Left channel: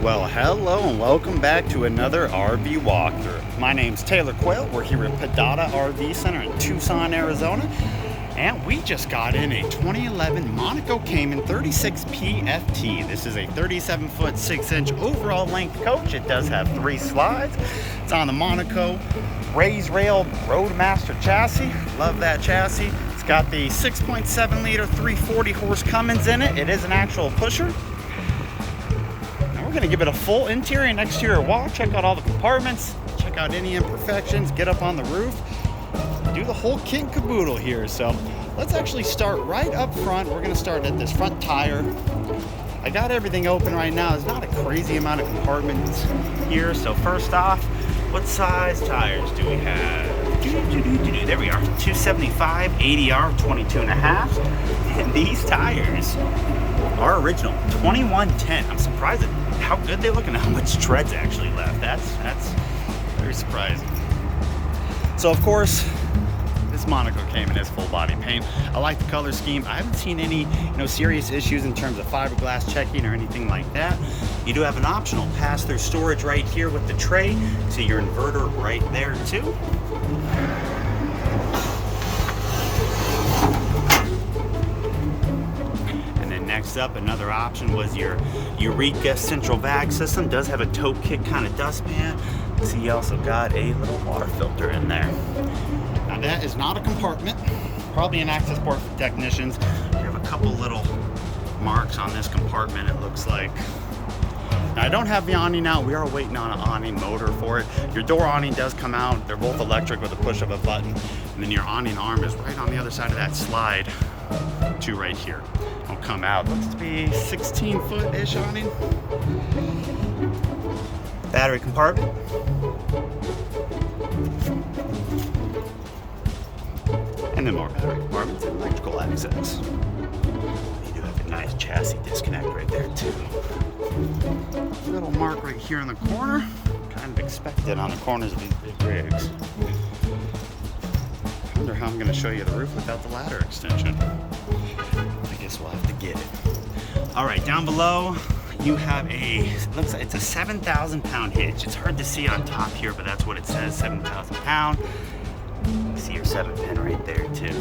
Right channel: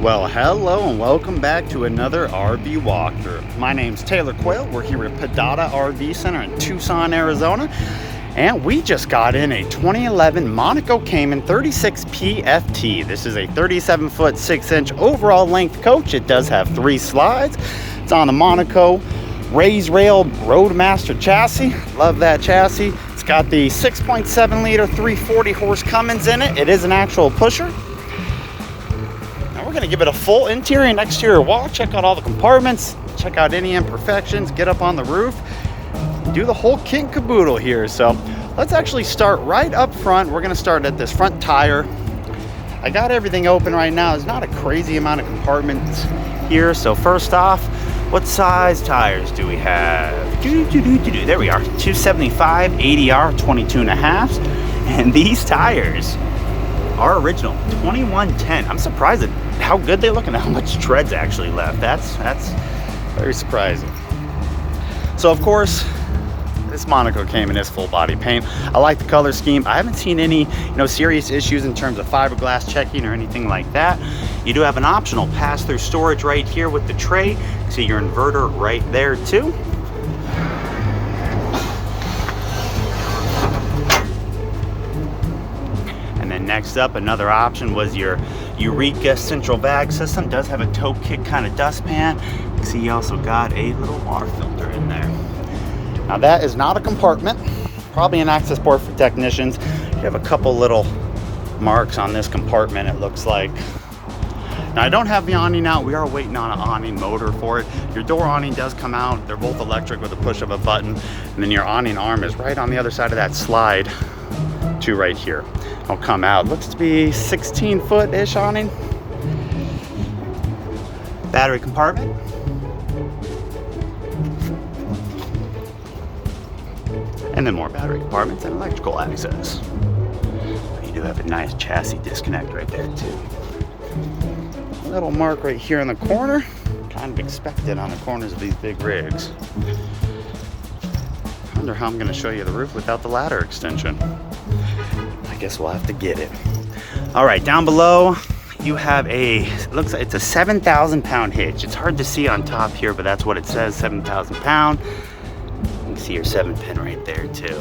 Well, hello and welcome back to another RV walkthrough. My name's Taylor Quayle. We're here at Padada RV Center in Tucson, Arizona. And we just got in a 2011 Monaco Cayman 36 PFT. This is a 37-foot 6-inch overall length coach. It does have 3 slides. It's on a Monaco raised rail Roadmaster chassis. Love that chassis. It's got the 6.7 liter 340 horse Cummins in it. It is an actual pusher. We're going to give it a full interior and exterior walk, check out all the compartments, check out any imperfections, get up on the roof, do the whole kit and caboodle here. So let's actually start right up front. We're going to start at this front tire. I got everything open right now. There's not a crazy amount of compartments here. So first off, what size tires do we have? There we are, 275 ADR 22.5. And these tires are original 2110. I'm surprised at how good they look and how much tread's actually left. That's very surprising. So of course, this Monaco Cayman is full body paint. I like the color scheme. I haven't seen any serious issues in terms of fiberglass checking or anything like that. You do have an optional pass-through storage right here with the tray. You see your inverter right there too. Next up, another option was your Eureka central bag system. Does have a toe kick kind of dustpan. You see you also got a little water filter in there. Now that is not a compartment, probably an access port for technicians. You have a couple little marks on this compartment, it looks like. Now I don't have the awning out. We are waiting on an awning motor for it. Your door awning does come out. They're both electric with a push of a button. And then your awning arm is right on the other side of that slide to right here. Will come out. Looks to be 16-foot-ish awning. Battery compartment. And then more battery compartments and electrical access. You do have a nice chassis disconnect right there too. Little mark right here in the corner. Kind of expected on the corners of these big rigs. I wonder how I'm going to show you the roof without the ladder extension. Guess we'll have to get it. All right, down below you have it looks like it's a 7,000 pound hitch. It's hard to see on top here, but that's what it says, 7,000 pound. You can see your 7-pin right there too.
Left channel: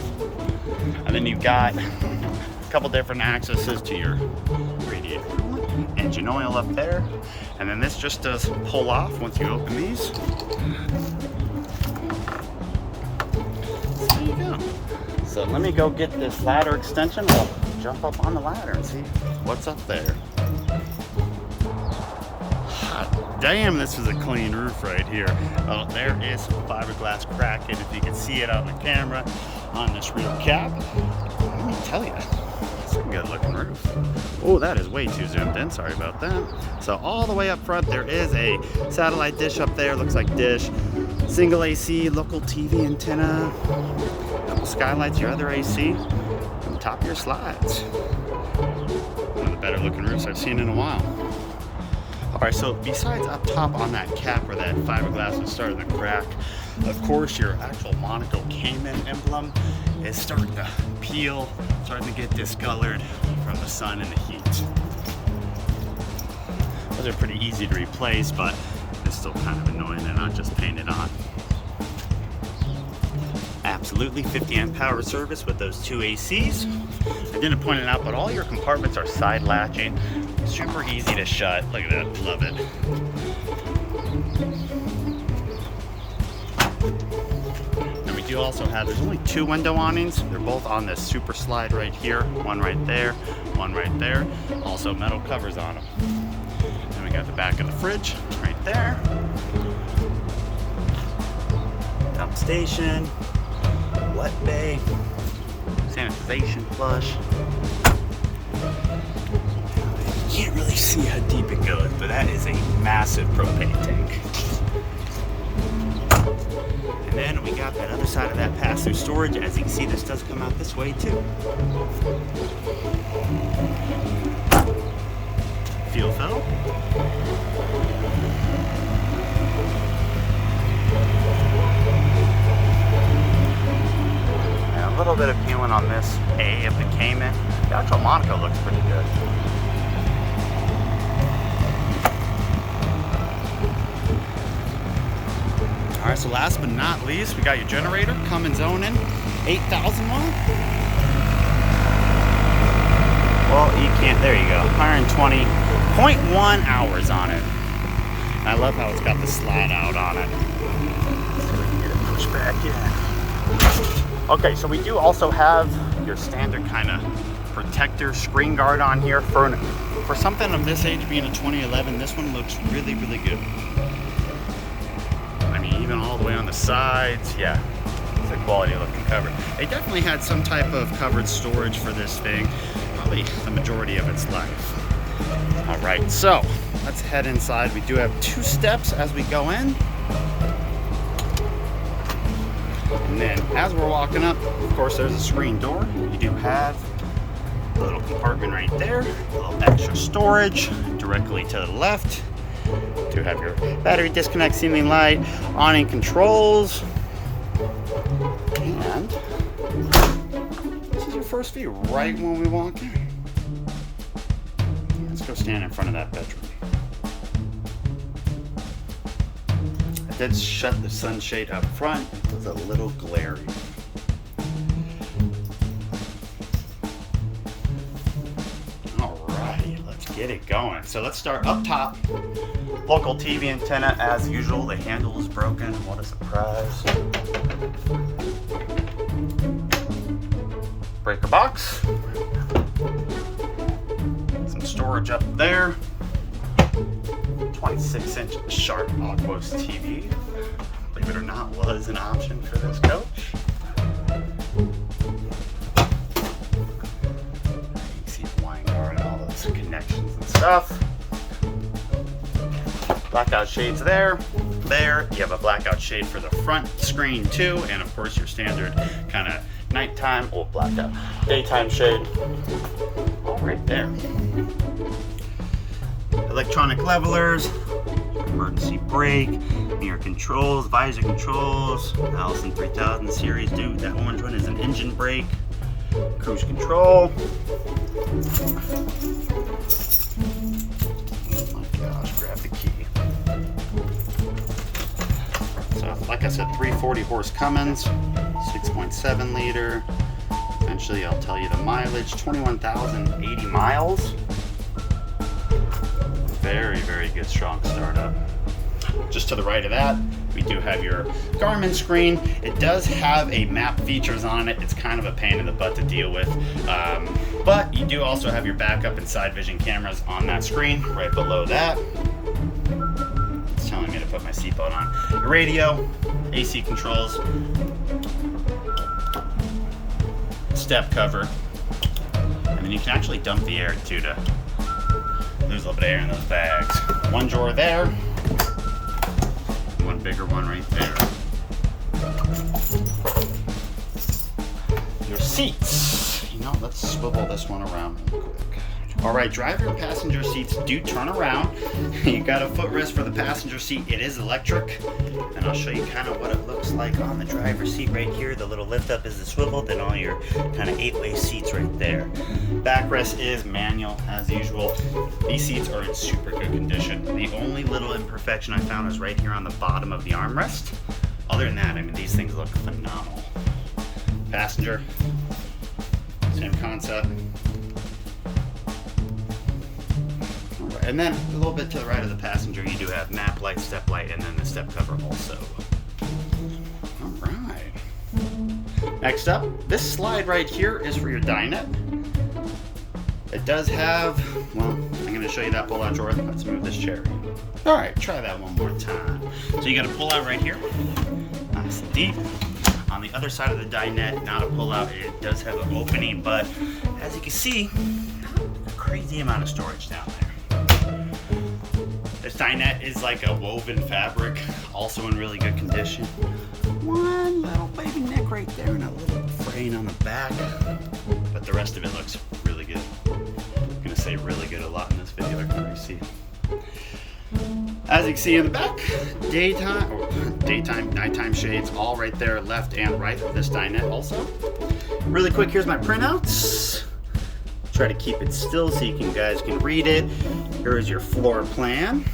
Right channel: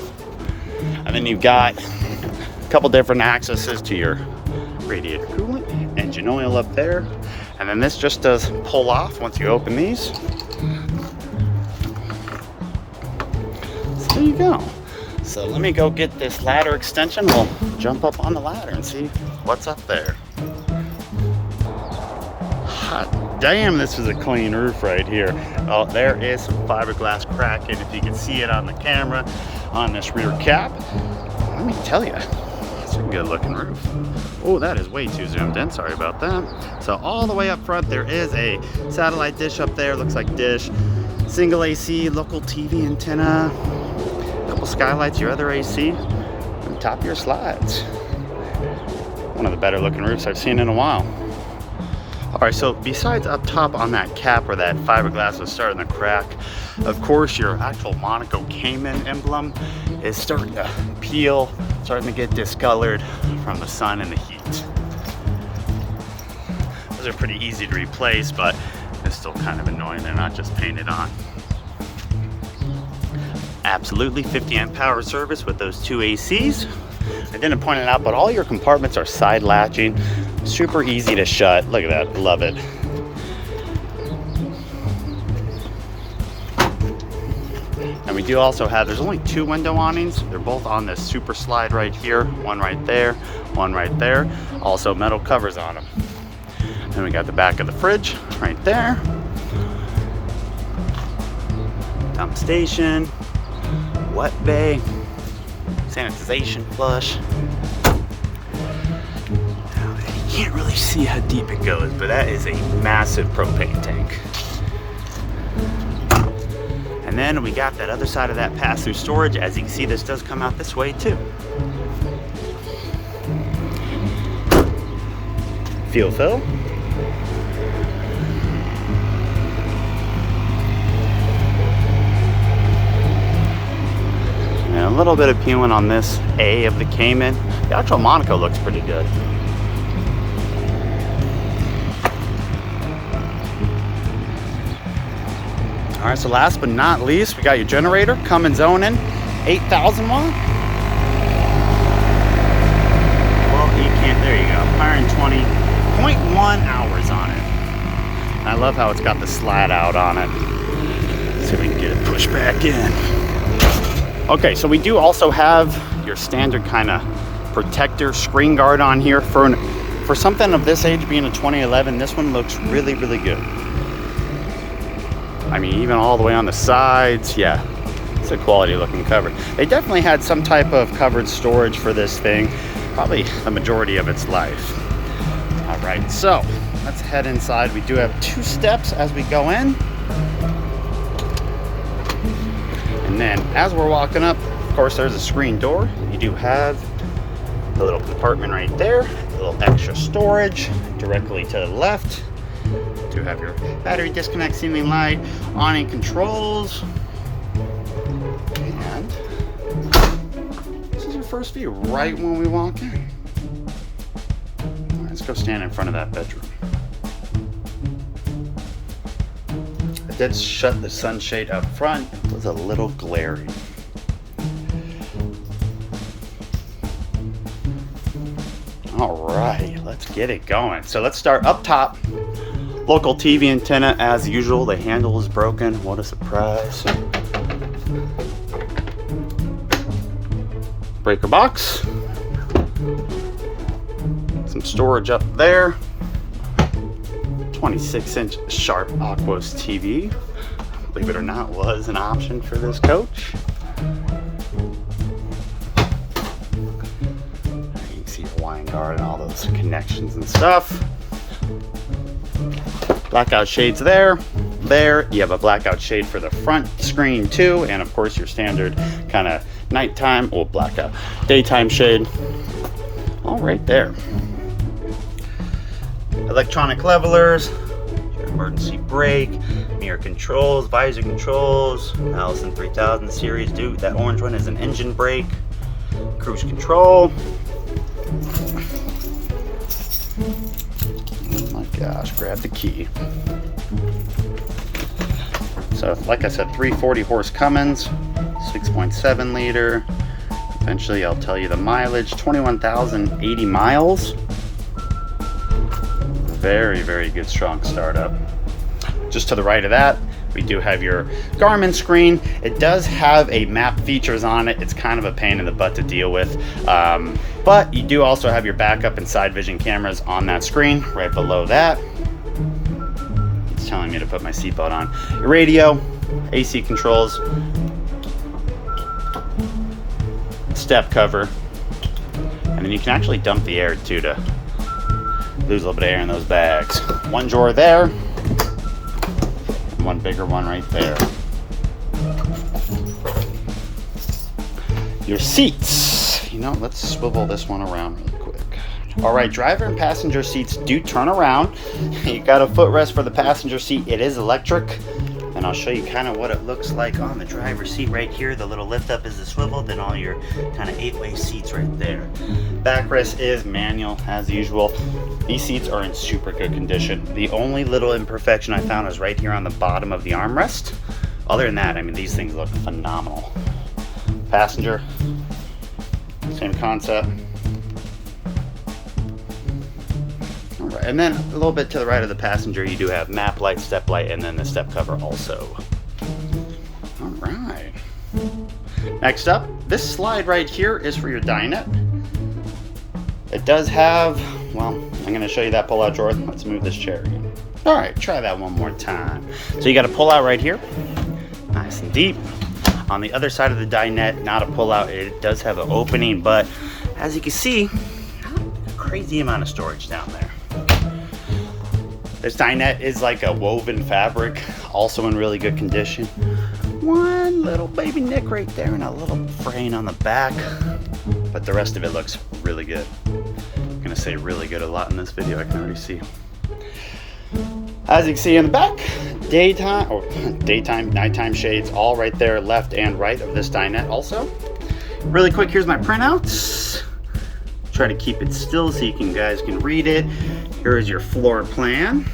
And then you've got a couple different accesses to your radiator coolant, engine oil up there. And then this just does pull off once you open these. So there you go. So let me go get this ladder extension. We'll jump up on the ladder and see what's up there. Hot damn, this is a clean roof right here. Oh, there is some fiberglass cracking if you can see it on the camera on this rear cap. Let me tell you, it's a good looking roof. Oh, that is way too zoomed in, sorry about that. So all the way up front there is a satellite dish up there, looks like dish. Single AC, local TV antenna. Couple skylights, your other AC, and top of your slides. One of the better looking roofs I've seen in a while. All right, so besides up top on that cap where that fiberglass is starting to crack, of course your actual Monaco Cayman emblem is starting to peel, starting to get discolored from the sun and the heat. Those are pretty easy to replace, but it's still kind of annoying they're not just painted on. Absolutely 50 amp power service with those 2 ACs. I didn't point it out, but all your compartments are side latching. Super easy to shut. Look at that, love it. And we do also have, there's only 2 window awnings. They're both on this super slide right here. One right there, one right there. Also metal covers on them. Then we got the back of the fridge right there. Dump station. Wet bay, sanitization flush. Now, you can't really see how deep it goes, but that is a massive propane tank. And then we got that other side of that pass-through storage. As you can see, this does come out this way too. Fuel fill. Little bit of peeling on this A of the Cayman. The actual Monaco looks pretty good. All right, so last but not least, we got your generator coming zoning, 8,000 watt. Well, you can't, there you go, 120.1 hours on it. And I love how it's got the slide out on it. Let's see if we can get it pushed back in. Okay, so we do also have your standard kind of protector screen guard on here. For something of this age, being a 2011, this one looks really, really good. I mean, even all the way on the sides, yeah, it's a quality looking cover. They definitely had some type of covered storage for this thing, probably the majority of its life. All right, so let's head inside. We do have 2 steps as we go in. And then as we're walking up, of course, there's a screen door. You do have a little compartment right there, a little extra storage directly to the left. You do have your battery disconnect ceiling light, awning controls, and this is your first view right when we walk in. All right, let's go stand in front of that bedroom. I did shut the sunshade up front. It was a little glary. All right, let's get it going. So let's start up top. Local TV antenna as usual. The handle is broken. What a surprise. Breaker box. Some storage up there. 26-inch Sharp Aquos TV. Believe it or not, was an option for this coach. You can see the line guard and all those connections and stuff. Blackout shades there. There, you have a blackout shade for the front screen too, and of course your standard kind of nighttime or blackout daytime shade. All right there. Electronic levelers, emergency brake, mirror controls, visor controls, Allison 3000 series. Dude, that orange one is an engine brake, cruise control. Oh my gosh, grab the key. So, like I said, 340 horse Cummins, 6.7 liter. Eventually, I'll tell you the mileage, 21,080 miles. Very, very good, strong startup. Just to the right of that, we do have your Garmin screen. It does have a map features on it. It's kind of a pain in the butt to deal with. But you do also have your backup and side vision cameras on that screen right below that. It's telling me to put my seatbelt on. Radio, AC controls, step cover, and then you can actually dump the air too to lose a little bit of air in those bags. One drawer there, one bigger one right there. Your seats, you know, let's swivel this one around really quick. All right, driver and passenger seats do turn around. You got a footrest for the passenger seat. It is electric, and I'll show you kind of what it looks like on the driver's seat right here. The little lift up is the swivel, then all your kind of 8-way seats right there. Backrest is manual as usual. These seats are in super good condition. The only little imperfection I found is right here on the bottom of the armrest. Other than that, I mean, these things look phenomenal. Passenger, same concept. All right, and then a little bit to the right of the passenger, you do have map light, step light, and then the step cover also. All right. Next up, this slide right here is for your dinette. It does have, well, I'm going to show you that pull-out drawer. Let's move this chair again. All right, try that one more time. So you got a pull-out right here, nice and deep. On the other side of the dinette, not a pull-out. It does have an opening, but as you can see, not a crazy amount of storage down there. This dinette is like a woven fabric, also in really good condition. One little baby nick right there and a little fraying on the back, but the rest of it looks really good. I'm gonna say really good a lot in this video, I can already see. As you can see in the back, daytime, nighttime shades, all right there, left and right of this dinette also. Really quick, here's my printouts. Try to keep it still so you guys can read it. Here is your floor plan.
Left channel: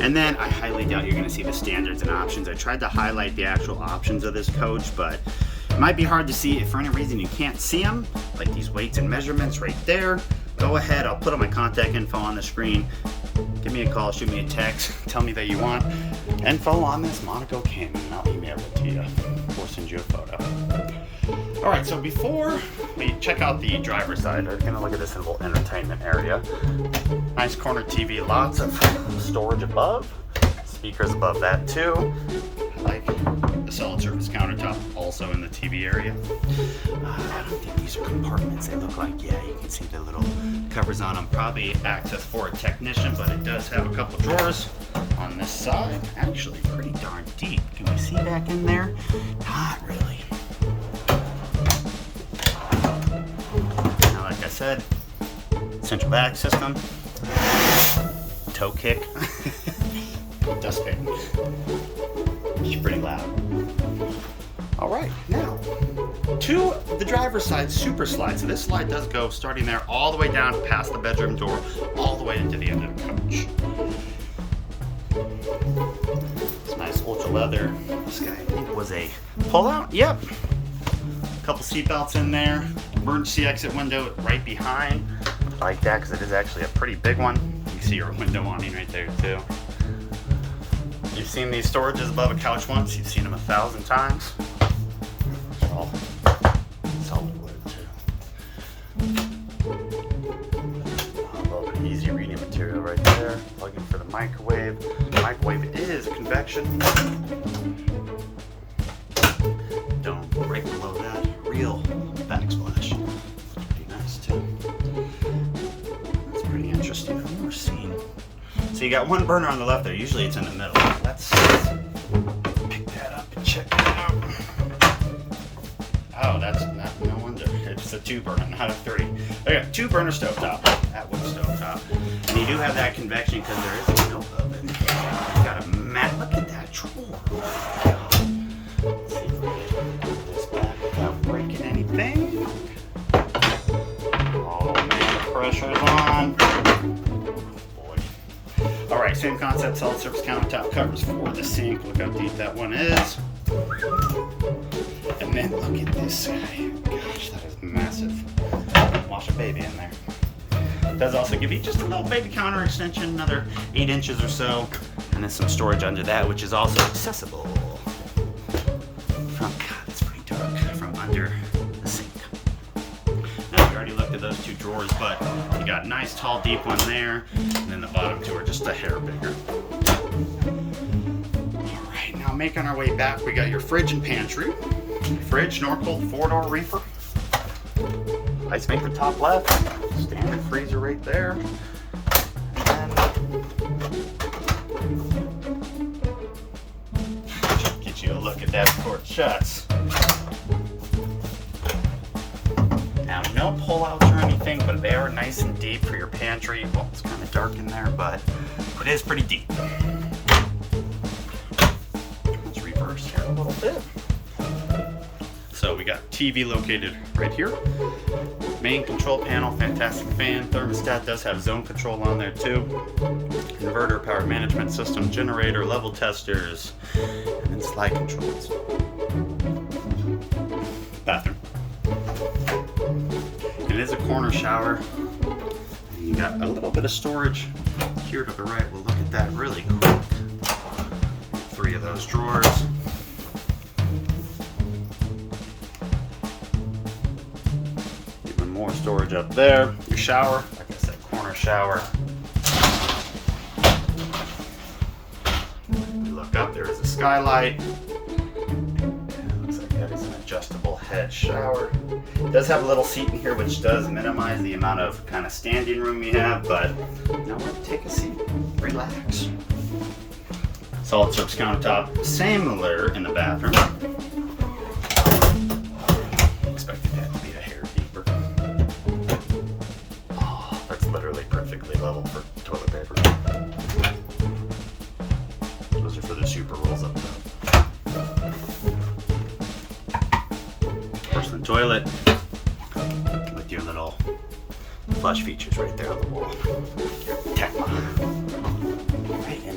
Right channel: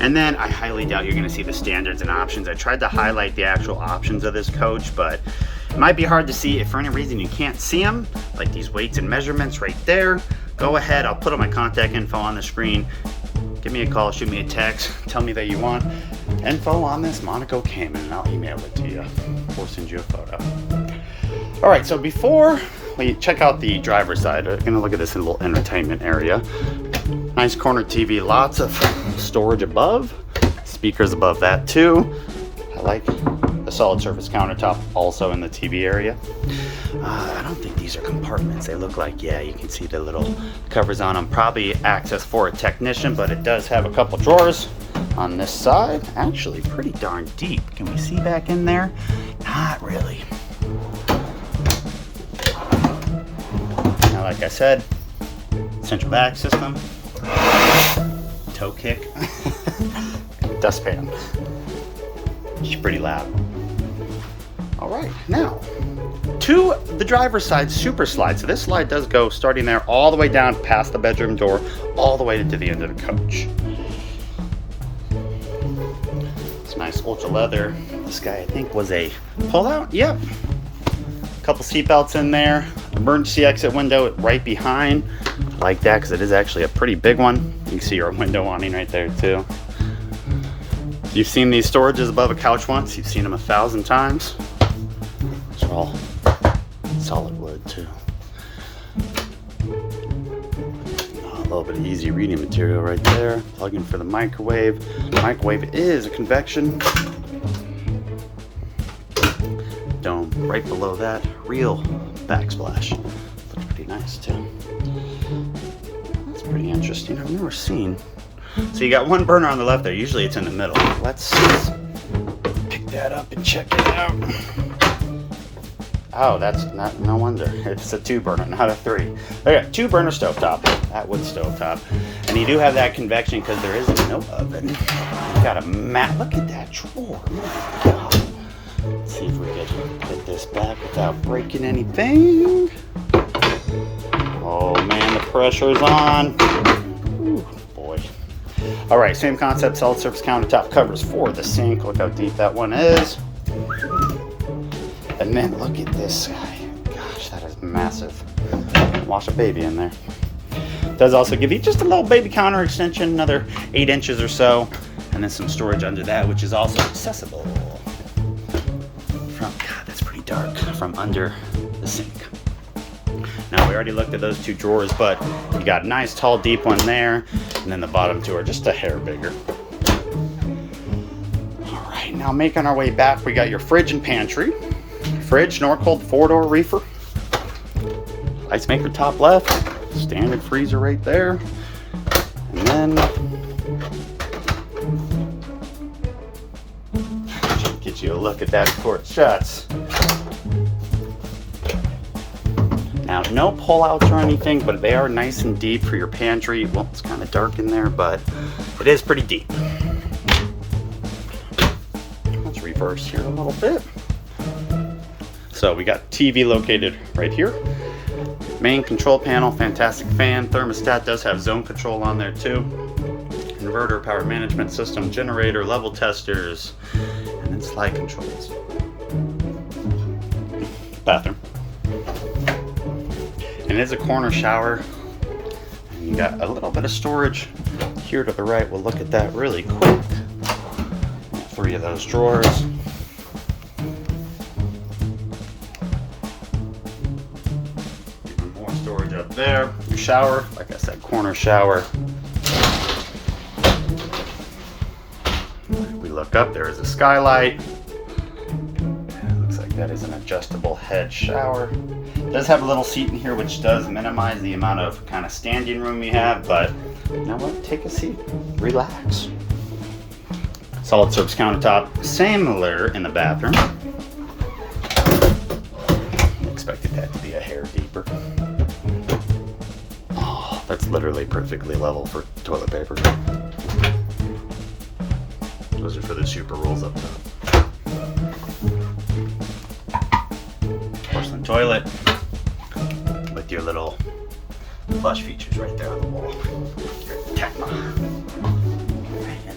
And then I highly doubt you're gonna see the standards and options. I tried to highlight the actual options of this coach, but it might be hard to see. If for any reason you can't see them, like these weights and measurements right there, go ahead, I'll put all my contact info on the screen. Give me a call, shoot me a text, tell me that you want info on this Monaco Cayman, and I'll email it to you or send you a photo. All right, so before we check out the driver's side, we're gonna look at this little entertainment area. Nice corner TV, lots of storage above, speakers above that too. I like the solid surface countertop also in the TV area. I don't think these are compartments. They look like, yeah, you can see the little covers on them. Probably access for a technician, but it does have a couple drawers on this side. Actually pretty darn deep. Can we see back in there? Not really. Now, like I said, central vac system, toe kick, dustpan. She's pretty loud. All right, now to the driver's side super slide. So this slide does go starting there all the way down past the bedroom door, all the way to the end of the coach. It's nice ultra leather. This guy I think was a pull-out. Yep. A couple seat belts in there. Emergency exit window right behind. Like that because it is actually a pretty big one. You can see your window awning right there too. You've seen these storages above a couch once. You've seen them 1,000 times. It's all solid wood too. A little bit of easy reading material right there. Plug-in for the microwave. The microwave is a convection dome right below that. Real backsplash. Pretty nice too. That's pretty interesting. I've never seen. So you got one burner on the left there. Usually it's in the middle. Let's pick that up and check it out. Oh, that's not, no wonder. It's a 2 burner, not a 3. Okay, 2 burner stovetop. That wood stovetop. And you do have that convection because there is no oven. You got a mat. Look at that drawer. Oh my God. Let's see if we can get this back without breaking anything. Oh man, the pressure's on. Ooh, boy. All right, same concept, solid surface countertop covers for the sink. Look how deep that one is. And then look at this guy. Gosh, that is massive. Wash a baby in there. Does also give you just a little baby counter extension, another 8 inches or so, and then some storage under that, which is also accessible from, God, that's pretty dark, from under the sink. Now, we already looked at those 2 drawers, but you got a nice, tall, deep one there, and then the bottom 2 are just a hair bigger. All right, now making our way back, we got your fridge and pantry. Fridge, Norcold 4-door reefer. Ice maker top left. Standard freezer right there. And then get you a look at that before it shuts. Now, no pullouts or anything, but they are nice and deep for your pantry. Well, it's kind of dark in there, but it is pretty deep. Let's reverse here a little bit. So we got TV located right here. Main control panel, fantastic fan. Thermostat does have zone control on there too. Inverter, power management system, generator, level testers, and then slide controls. Bathroom. And it is a corner shower. And you got a little bit of storage here to the right. We'll look at that really quick. 3 of those drawers. Storage up there. Your shower, like I said, corner shower. We look up, there is a skylight. Looks like that is an adjustable head shower. It does have a little seat in here, which does minimize the amount of kind of standing room you have, but now what? Take a seat, relax. Solid surface countertop, similar in the bathroom. Expected that to be a hair deeper. Literally perfectly level for toilet paper. Those are for the super rolls up top. Porcelain toilet with your little flush features right there on the wall. Tecma.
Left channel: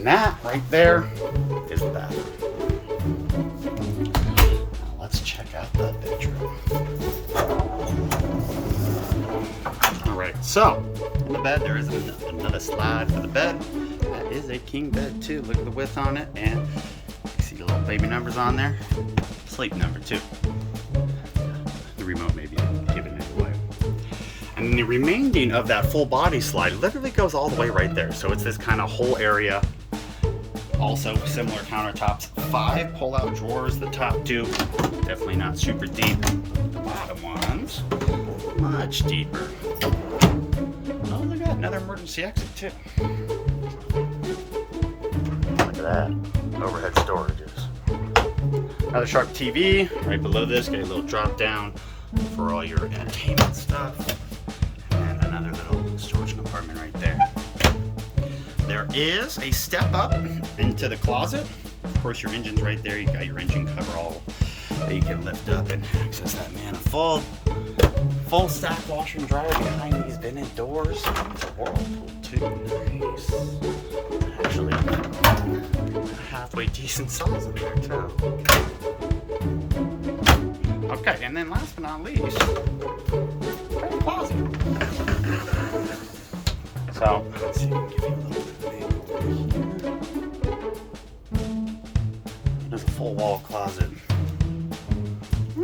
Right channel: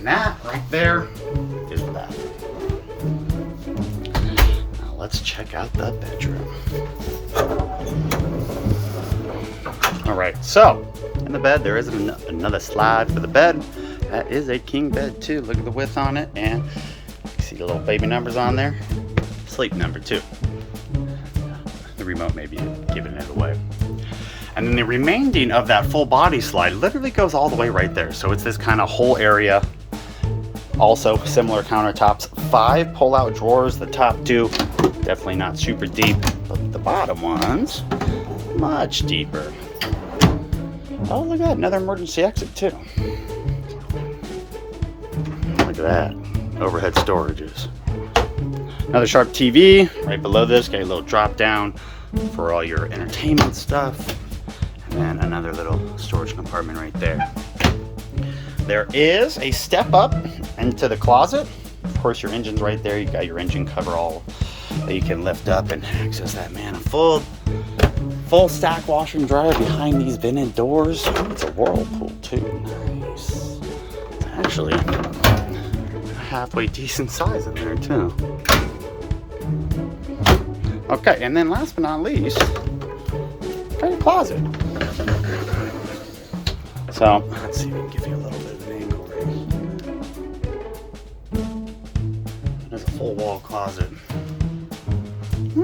And that right there is the bathroom. Now let's check out the bedroom. All right, so in the bed there is another slide for the bed. That is a king bed too. Look at the width on it, and you see the little baby numbers on there. Sleep number 2. The remote may be giving it away. And then the remaining of that full body slide literally goes all the way right there. So it's this kind of whole area. Also similar countertops, 5 pull-out drawers. The top 2 definitely not super deep, but the bottom ones much deeper. Oh, look at that, another emergency exit too. Look at that, overhead storages. Another sharp TV right below this. Got a little drop down for all your entertainment stuff. And another little storage compartment right there. There is a step up into the closet. Of course, your engine's right there. You got your engine cover all that you can lift up and access that manifold. Full stack washer and dryer behind these vented doors. It's a whirlpool too. Nice. Actually, halfway decent size in there too. Okay, and then last but not least, got a closet. So let's see, give you a little bit of name over here. There's a full wall closet. In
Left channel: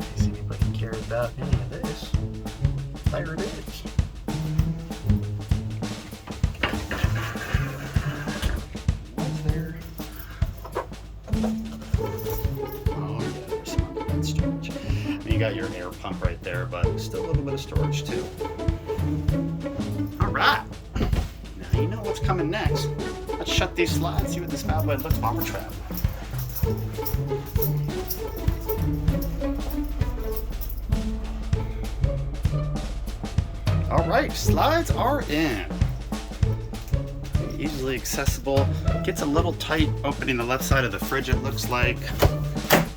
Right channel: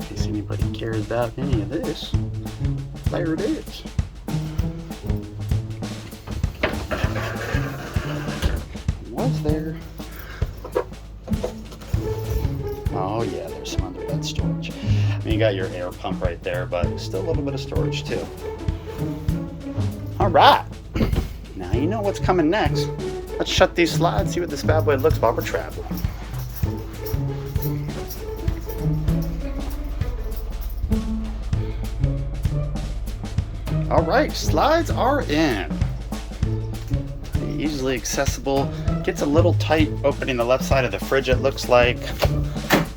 case anybody cares about any of this, there it is. Was there? Oh yeah, there's some underbed storage. I mean, you got your air pump right there, but still a little bit of storage too. All right, now you know what's coming next. Let's shut these slides, see what this bad boy looks while we're traveling. All right, slides are in. Easily accessible. Gets a little tight opening the left side of the fridge, it looks like.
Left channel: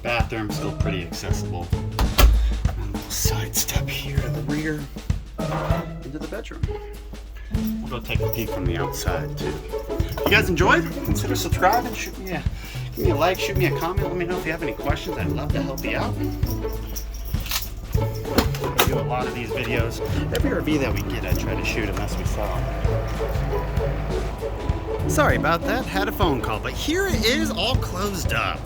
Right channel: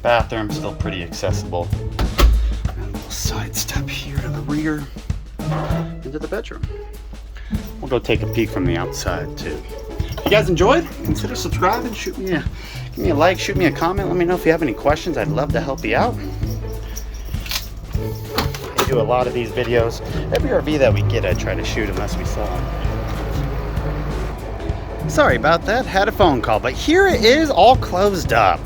Bathroom still pretty accessible. And a little side step here to the rear into the bedroom. We'll go take a peek from the outside too. If you guys enjoyed, consider subscribing. Give me a like, shoot me a comment. Let me know if you have any questions. I'd love to help you out. I do a lot of these videos. Every RV that we get, I try to shoot unless we sell them. Sorry about that, had a phone call, but here it is all closed up.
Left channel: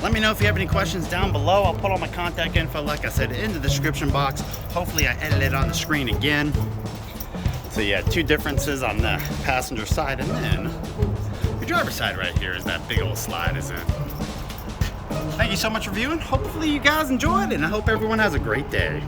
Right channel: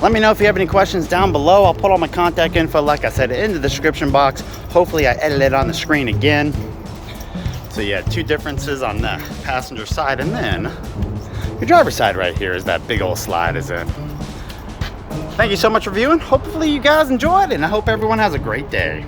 Let me know if you have any questions down below. I'll put all my contact info, like I said, in the description box. Hopefully I edit it on the screen again. So yeah, 2 differences on the passenger side, and then your driver's side right here is that big old slide is in. Thank you so much for viewing. Hopefully you guys enjoyed, and I hope everyone has a great day.